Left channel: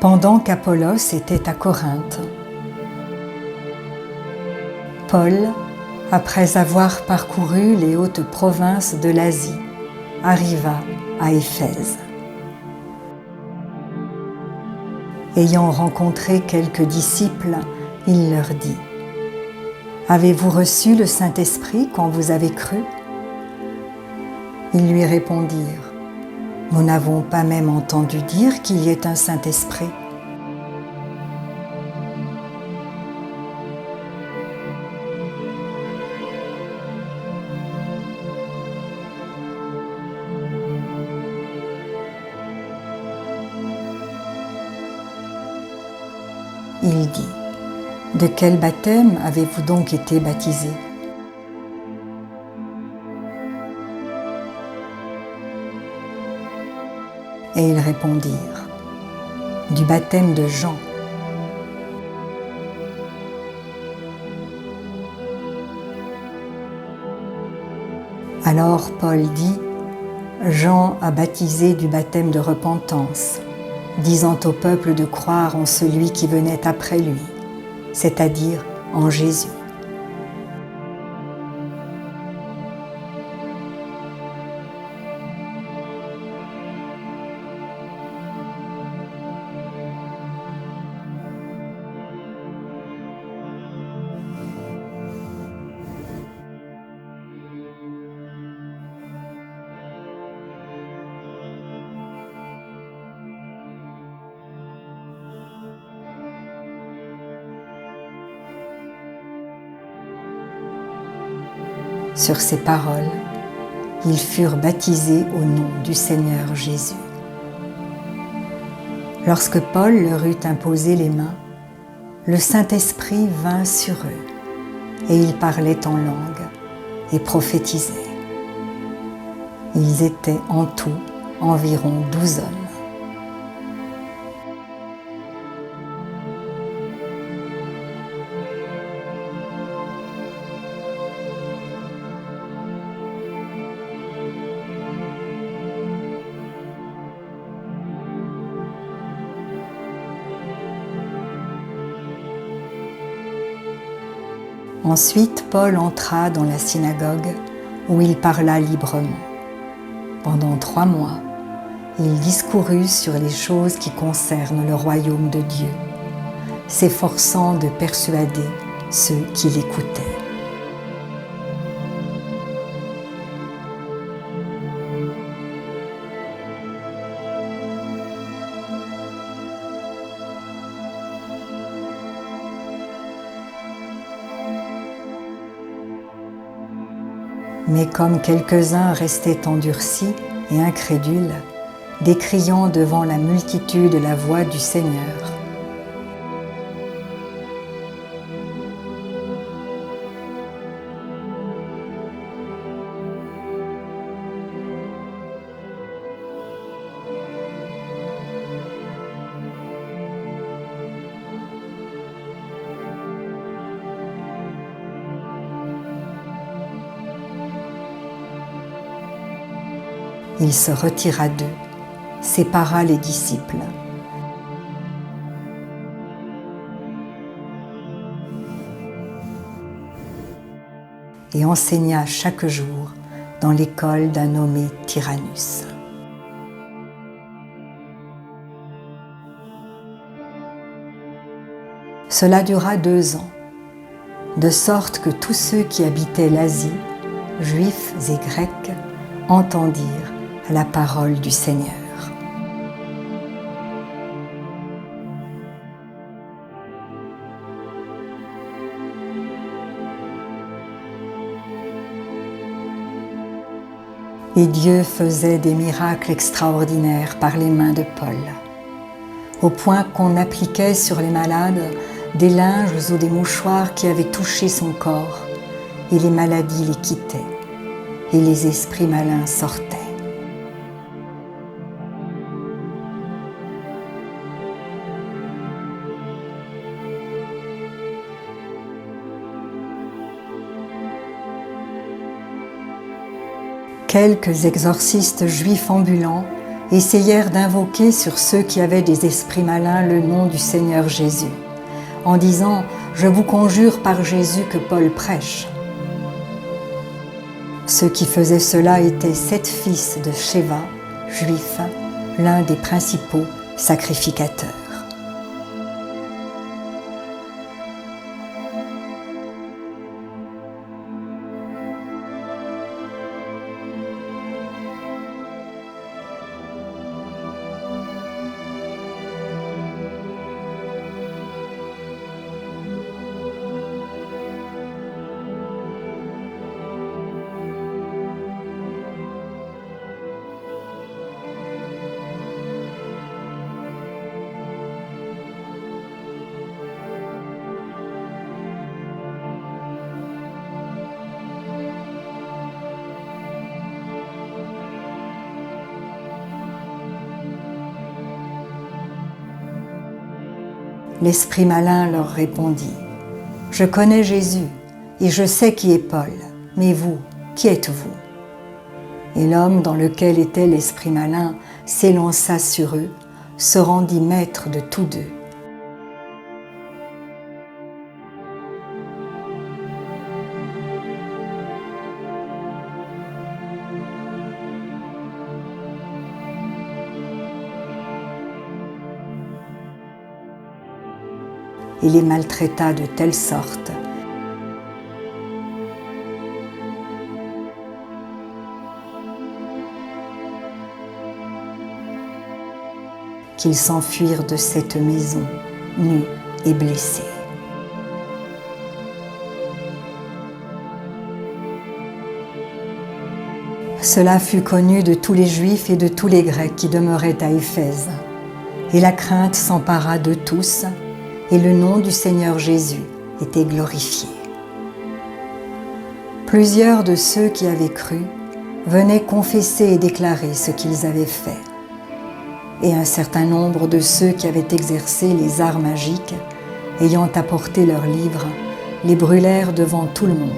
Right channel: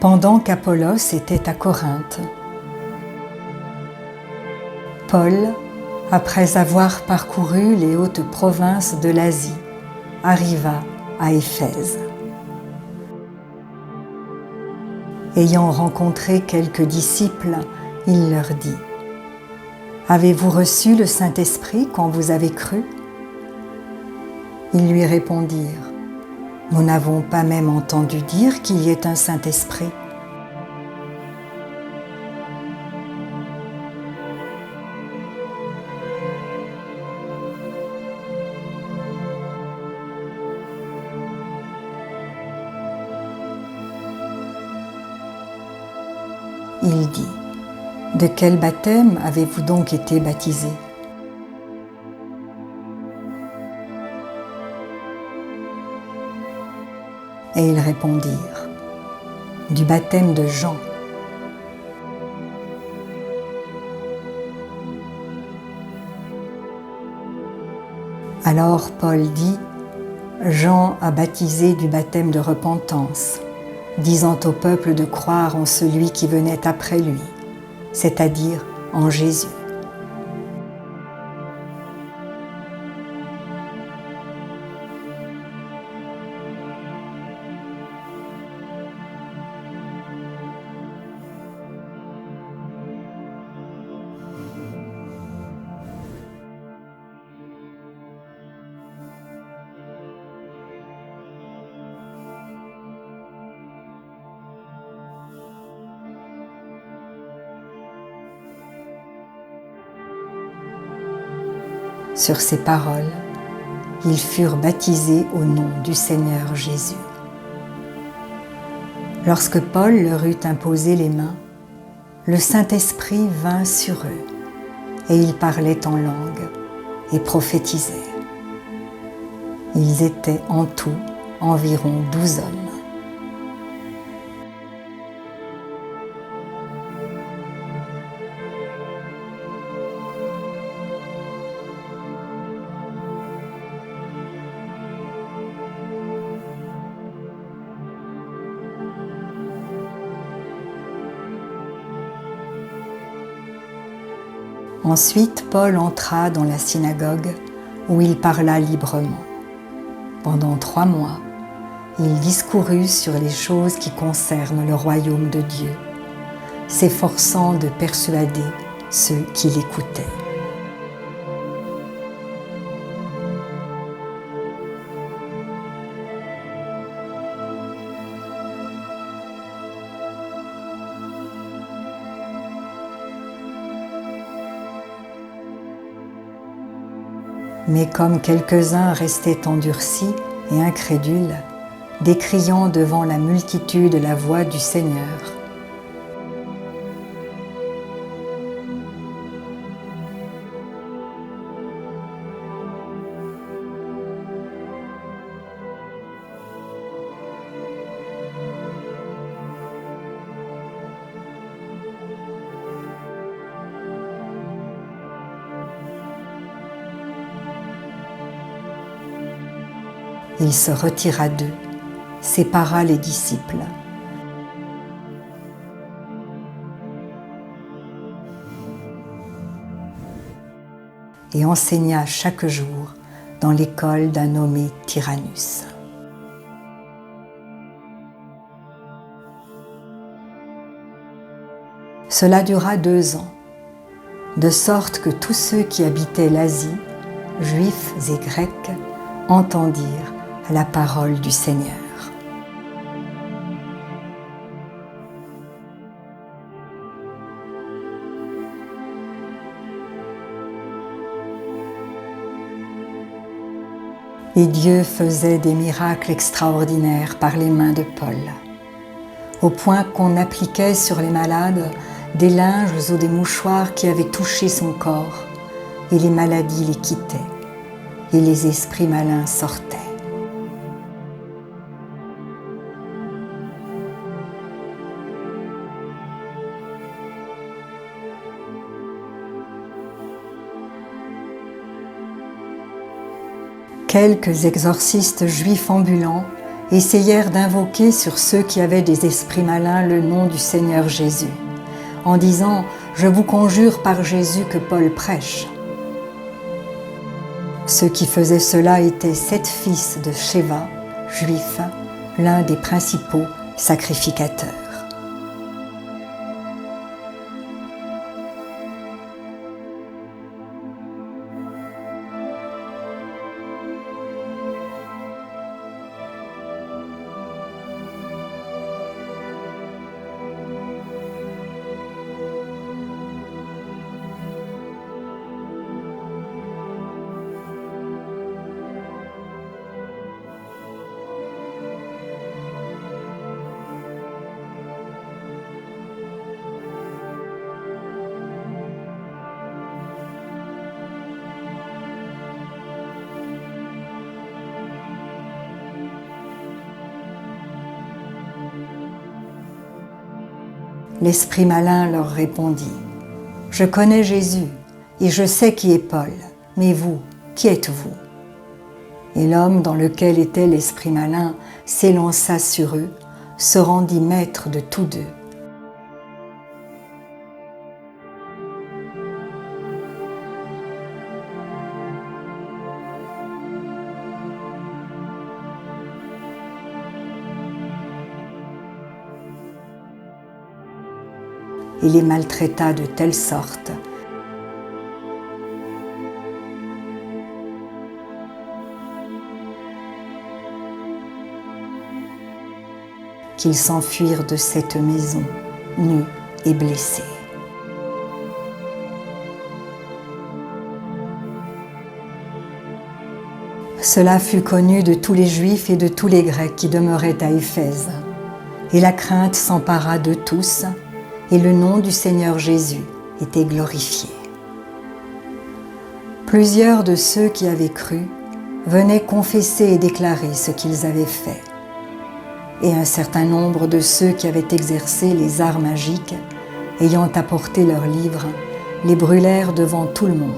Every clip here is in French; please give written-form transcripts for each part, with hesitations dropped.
pendant qu'Apollos était à Corinthe. Paul, après avoir parcouru les hautes provinces de l'Asie, arriva à Éphèse. Ayant rencontré quelques disciples, il leur dit : « Avez-vous reçu le Saint-Esprit quand vous avez cru ?» Ils lui répondirent : « Nous n'avons pas même entendu dire qu'il y ait un Saint-Esprit. » Il dit : « De quel baptême avez-vous donc été baptisés ? » Et ils répondirent : « Du baptême de Jean. » Alors Paul dit : « Jean a baptisé du baptême de repentance, disant au peuple de croire en celui qui venait après lui, c'est-à-dire en Jésus. » Sur ces paroles, ils furent baptisés au nom du Seigneur Jésus. Lorsque Paul leur eut imposé les mains, le Saint-Esprit vint sur eux, et ils parlaient en langue et prophétisaient. Ils étaient en tout environ 12 hommes. Ensuite, Paul entra dans la synagogue où il parla librement. Pendant 3 mois, il discourut sur les choses qui concernent le royaume de Dieu, s'efforçant de persuader ceux qui l'écoutaient. Mais comme quelques-uns restaient endurcis et incrédules, décriant devant la multitude la voix du Seigneur, il se retira d'eux, sépara les disciples. Et enseigna chaque jour dans l'école d'un nommé Tyrannus. Cela dura 2 ans, de sorte que tous ceux qui habitaient l'Asie, juifs et grecs, entendirent la parole du Seigneur. Et Dieu faisait des miracles extraordinaires par les mains de Paul, au point qu'on appliquait sur les malades des linges ou des mouchoirs qui avaient touché son corps, et les maladies les quittaient, et les esprits malins sortaient. Quelques exorcistes juifs ambulants essayèrent d'invoquer sur ceux qui avaient des esprits malins le nom du Seigneur Jésus, en disant « Je vous conjure par Jésus que Paul prêche ». Ceux qui faisaient cela étaient 7 fils de Schéva, juifs, l'un des principaux sacrificateurs. L'esprit malin leur répondit « Je connais Jésus et je sais qui est Paul, mais vous, qui êtes-vous » Et l'homme dans lequel était l'esprit malin s'élança sur eux, se rendit maître de tous deux. Il les maltraita de telle sorte qu'ils s'enfuirent de cette maison, nus et blessés. Cela fut connu de tous les Juifs et de tous les Grecs qui demeuraient à Éphèse, et la crainte s'empara de tous, et le nom du Seigneur Jésus était glorifié. Plusieurs de ceux qui avaient cru venaient confesser et déclarer ce qu'ils avaient fait. Et un certain nombre de ceux qui avaient exercé les arts magiques, ayant apporté leurs livres, les brûlèrent devant tout le monde.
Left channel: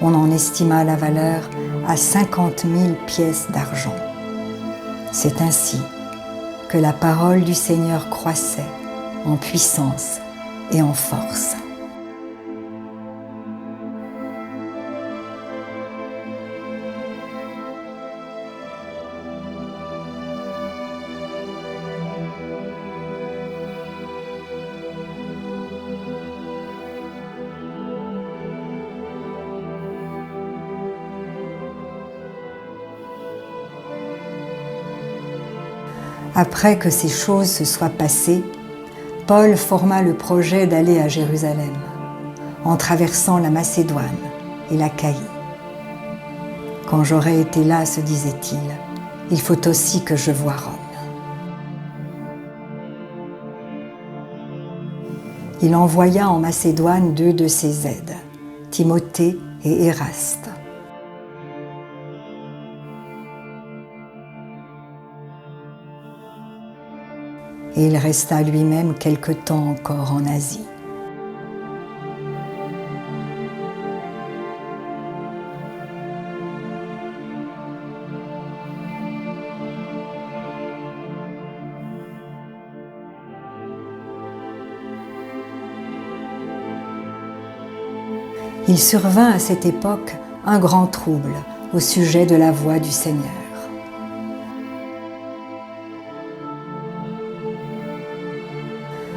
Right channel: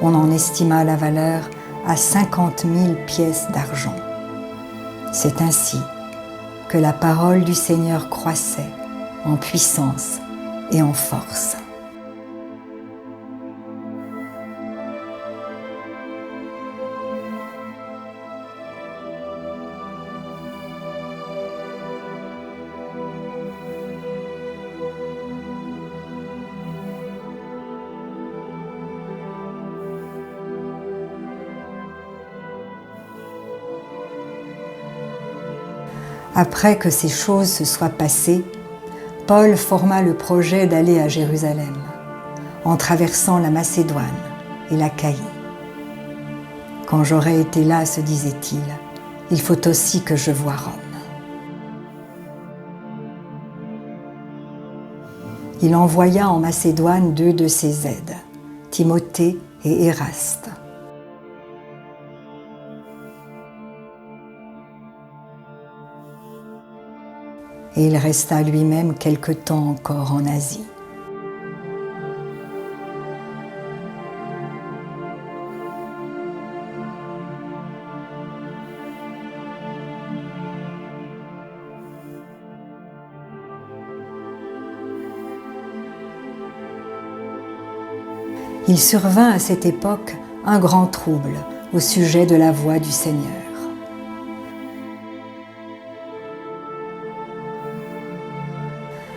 On en estima la valeur à 50 000 pièces d'argent. C'est ainsi que la parole du Seigneur croissait en puissance et en force. Après que ces choses se soient passées, Paul forma le projet d'aller à Jérusalem, en traversant la Macédoine et l'Achaïe. Quand j'aurai été là, se disait-il, il faut aussi que je voie Rome. Il envoya en Macédoine 2 de ses aides, Timothée et Éraste. Et il resta lui-même quelque temps encore en Asie. Il survint à cette époque un grand trouble au sujet de la voix du Seigneur.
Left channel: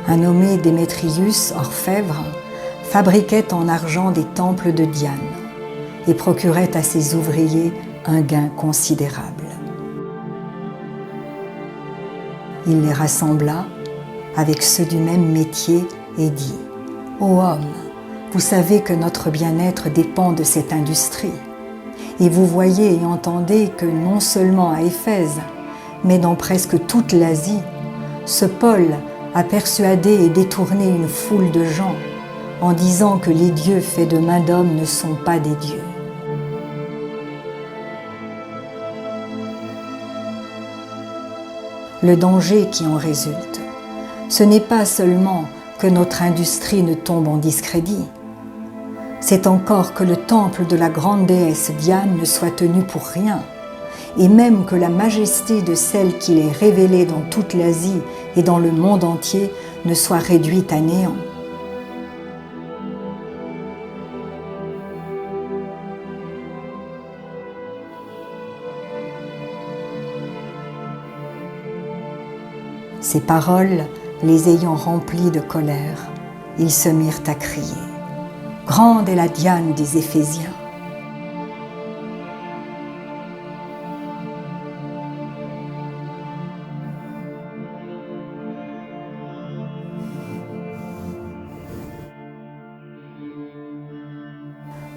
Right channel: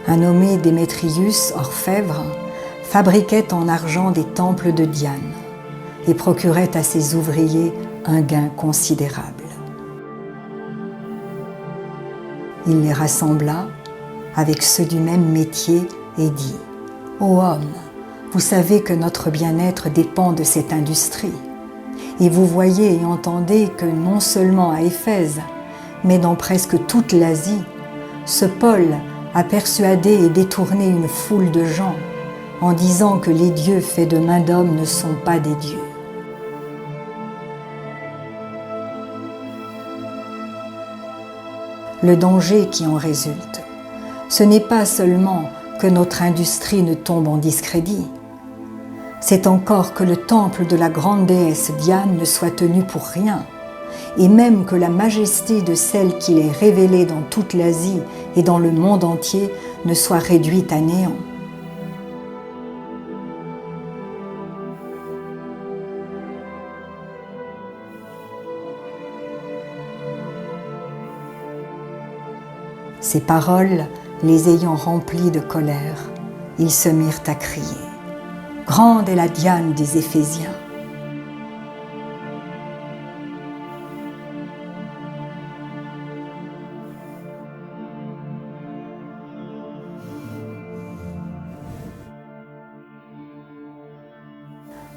Un nommé Démétrius, orfèvre, fabriquait en argent des temples de Diane et procurait à ses ouvriers un gain considérable. Il les rassembla avec ceux du même métier et dit « Ô homme, vous savez que notre bien-être dépend de cette industrie, et vous voyez et entendez que non seulement à Éphèse, mais dans presque toute l'Asie, ce Paul a persuadé et détourné une foule de gens en disant que les dieux faits de main d'homme ne sont pas des dieux. Le danger qui en résulte, ce n'est pas seulement que notre industrie ne tombe en discrédit, c'est encore que le temple de la grande déesse Diane ne soit tenu pour rien et même que la majesté de celle qu'il est révélée dans toute l'Asie et dans le monde entier ne soit réduite à néant. Ces paroles, les ayant remplis de colère, ils se mirent à crier « Grande est la Diane des Éphésiens !»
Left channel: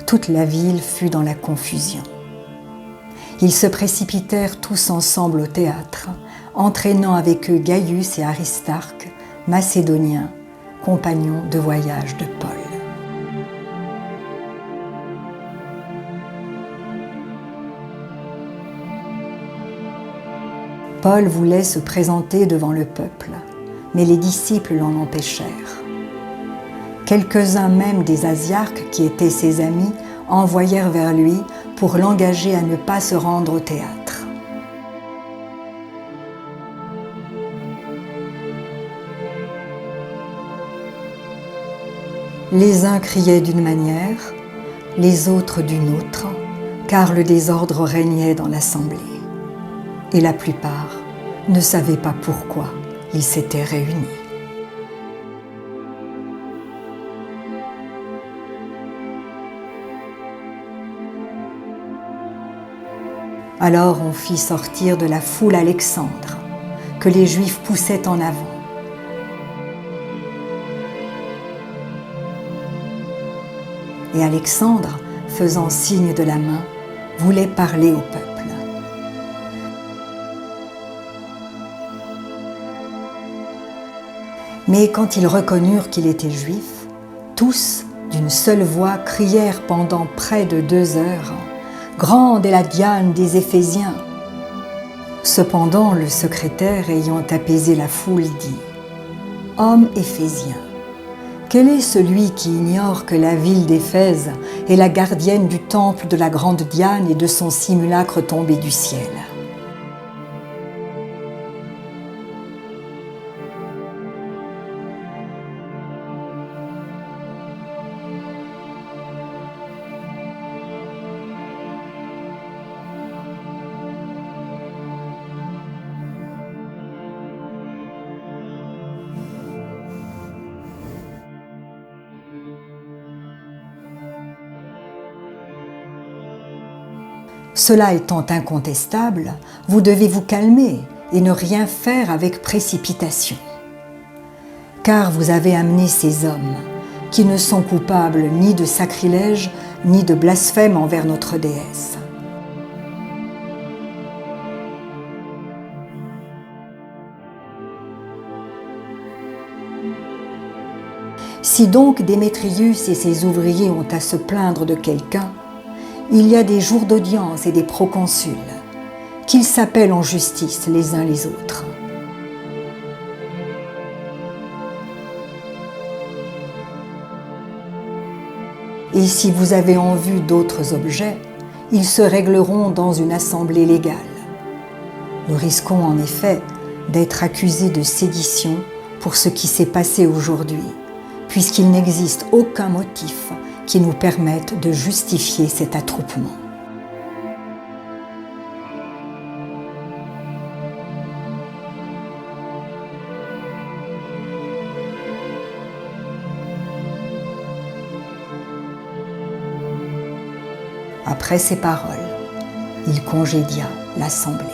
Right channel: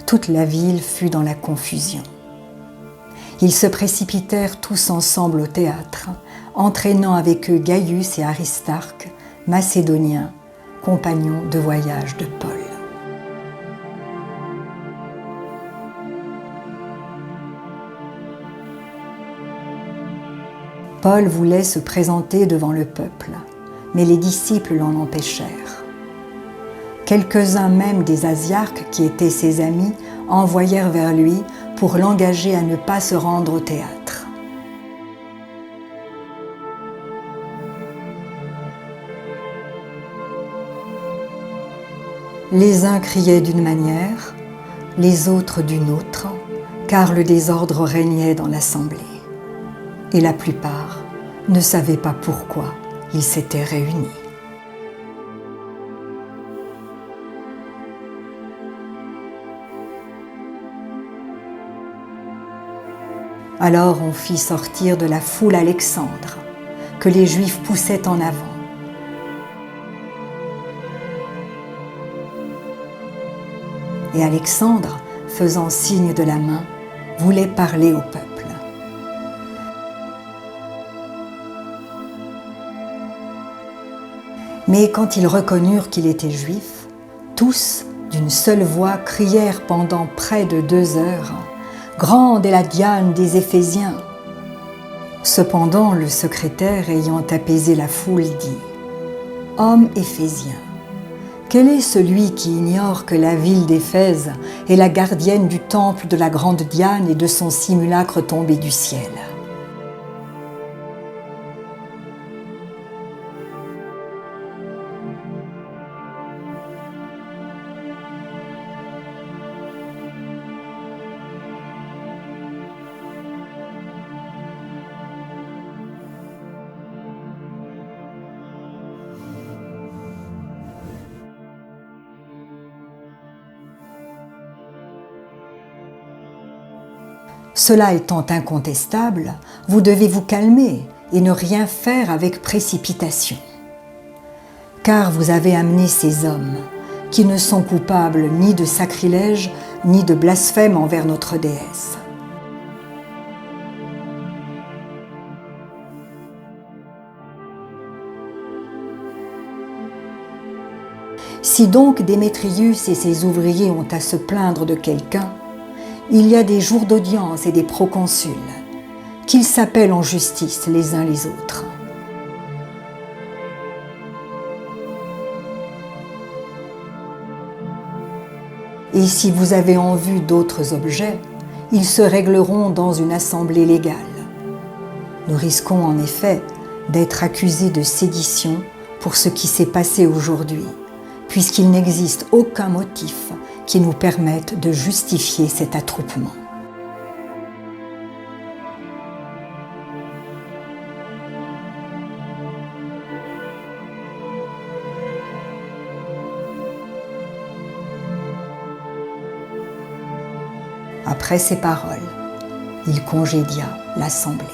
Toute la ville fut dans la confusion. Ils se précipitèrent tous ensemble au théâtre, entraînant avec eux Gaius et Aristarque, Macédoniens, compagnons de voyage de Paul. Paul voulait se présenter devant le peuple, mais les disciples l'en empêchèrent. Quelques-uns même des Asiarques, qui étaient ses amis, envoyèrent vers lui pour l'engager à ne pas se rendre au théâtre. Les uns criaient d'une manière, les autres d'une autre, car le désordre régnait dans l'assemblée. Et la plupart ne savaient pas pourquoi ils s'étaient réunis. Alors on fit sortir de la foule Alexandre, que les Juifs poussaient en avant. Et Alexandre, faisant signe de la main, voulait parler au peuple. Mais quand ils reconnurent qu'il était juif, tous, d'une seule voix, crièrent pendant près de 2 heures « Grande est la Diane des Éphésiens !» Cependant, le secrétaire, ayant apaisé la foule, dit « Homme éphésien, quel est celui qui ignore que la ville d'Éphèse est la gardienne du temple de la grande Diane et de son simulacre tombé du ciel ? Cela étant incontestable, vous devez vous calmer et ne rien faire avec précipitation. Car vous avez amené ces hommes, qui ne sont coupables ni de sacrilège, ni de blasphème envers notre déesse. Si donc Démétrius et ses ouvriers ont à se plaindre de quelqu'un, il y a des jours d'audience et des proconsuls, qu'ils s'appellent en justice les uns les autres. Et si vous avez en vue d'autres objets, ils se régleront dans une assemblée légale. Nous risquons en effet d'être accusés de sédition pour ce qui s'est passé aujourd'hui, puisqu'il n'existe aucun motif qui nous permettent de justifier cet attroupement. Après ces paroles, il congédia l'assemblée.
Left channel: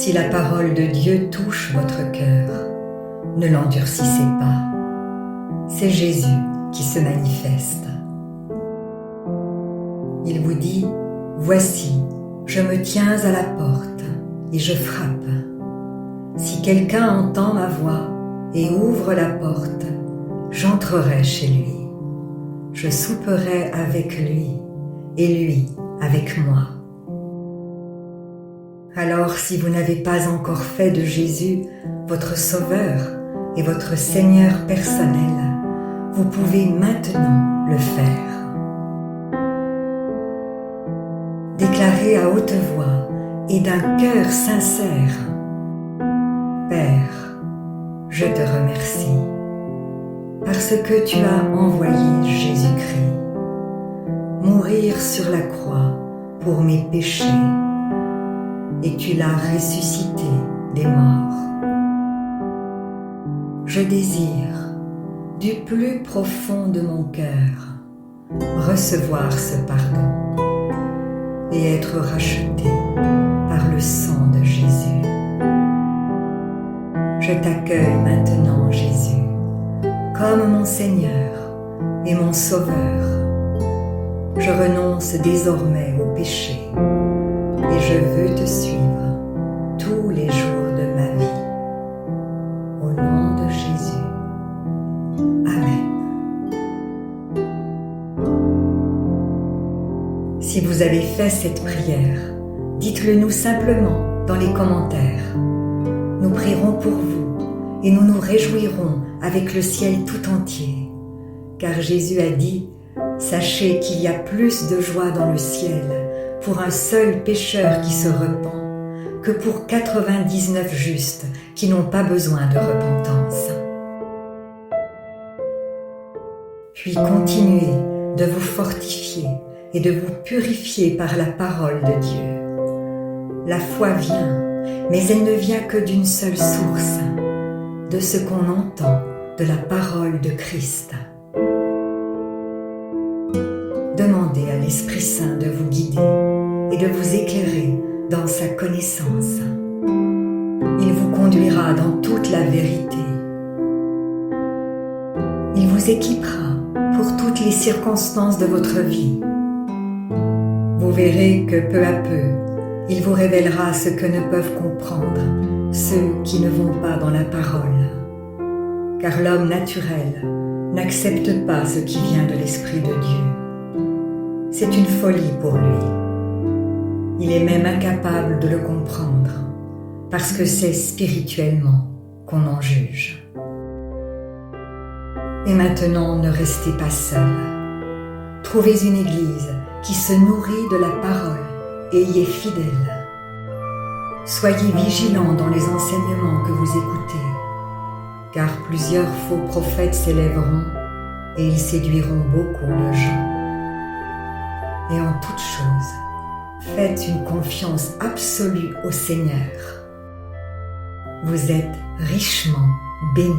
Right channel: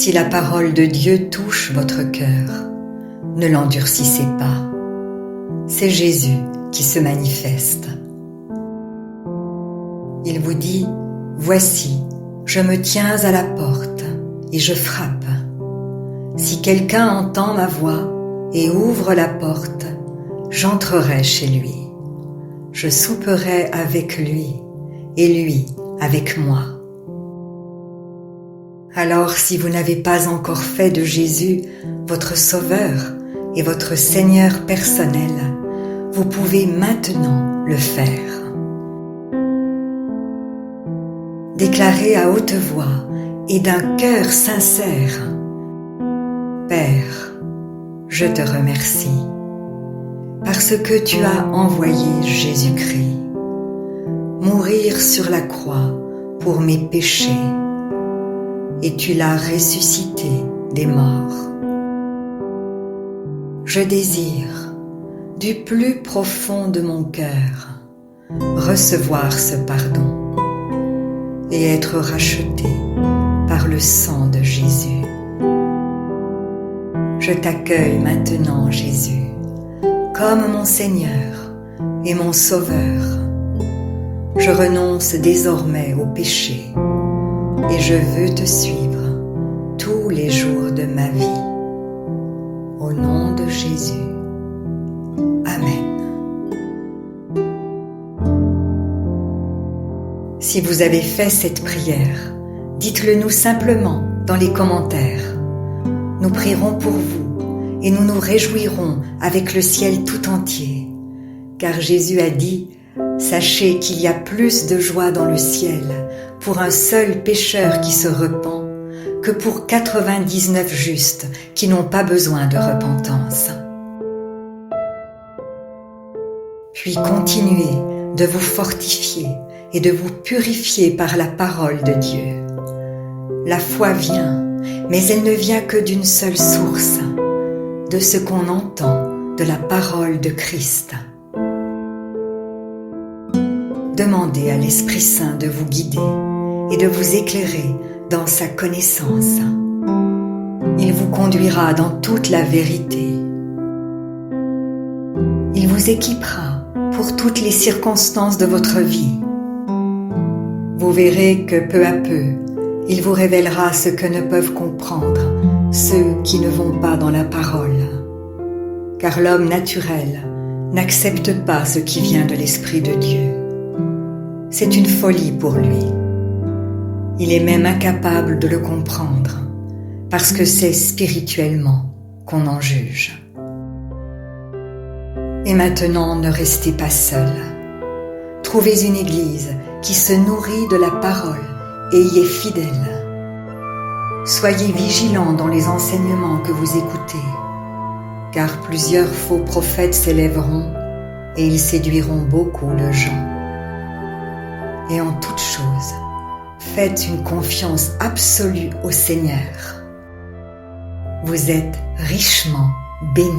Si la parole de Dieu touche votre cœur, ne l'endurcissez pas. C'est Jésus qui se manifeste. Il vous dit, « Voici, je me tiens à la porte et je frappe. Si quelqu'un entend ma voix et ouvre la porte, j'entrerai chez lui. Je souperai avec lui et lui avec moi. » Alors, si vous n'avez pas encore fait de Jésus votre Sauveur et votre Seigneur personnel, vous pouvez maintenant le faire. Déclarez à haute voix et d'un cœur sincère, « Père, je te remercie, parce que tu as envoyé Jésus-Christ, mourir sur la croix pour mes péchés, et tu l'as ressuscité des morts. Je désire, du plus profond de mon cœur, recevoir ce pardon et être racheté par le sang de Jésus. Je t'accueille maintenant, Jésus, comme mon Seigneur et mon Sauveur. Je renonce désormais au péché et je veux te suivre tous les jours de ma vie. Au nom de Jésus. Amen. Si vous avez fait cette prière, dites-le nous simplement dans les commentaires. Nous prierons pour vous et nous nous réjouirons avec le ciel tout entier. Car Jésus a dit, « Sachez qu'il y a plus de joie dans le ciel pour un seul pécheur qui se repent que pour 99 justes qui n'ont pas besoin de repentance. » Puis continuez de vous fortifier et de vous purifier par la parole de Dieu. La foi vient, mais elle ne vient que d'une seule source, de ce qu'on entend de la parole de Christ. Demandez à l'Esprit Saint de vous guider et de vous éclairer dans sa connaissance. Il vous conduira dans toute la vérité. Il vous équipera pour toutes les circonstances de votre vie. Vous verrez que peu à peu, il vous révélera ce que ne peuvent comprendre ceux qui ne vont pas dans la parole. Car l'homme naturel n'accepte pas ce qui vient de l'Esprit de Dieu. C'est une folie pour lui. Il est même incapable de le comprendre, parce que c'est spirituellement qu'on en juge. Et maintenant, ne restez pas seul. Trouvez une église qui se nourrit de la parole et y est fidèle. Soyez vigilants dans les enseignements que vous écoutez, car plusieurs faux prophètes s'élèveront et ils séduiront beaucoup de gens. Et en toute chose, faites une confiance absolue au Seigneur. Vous êtes richement bénis.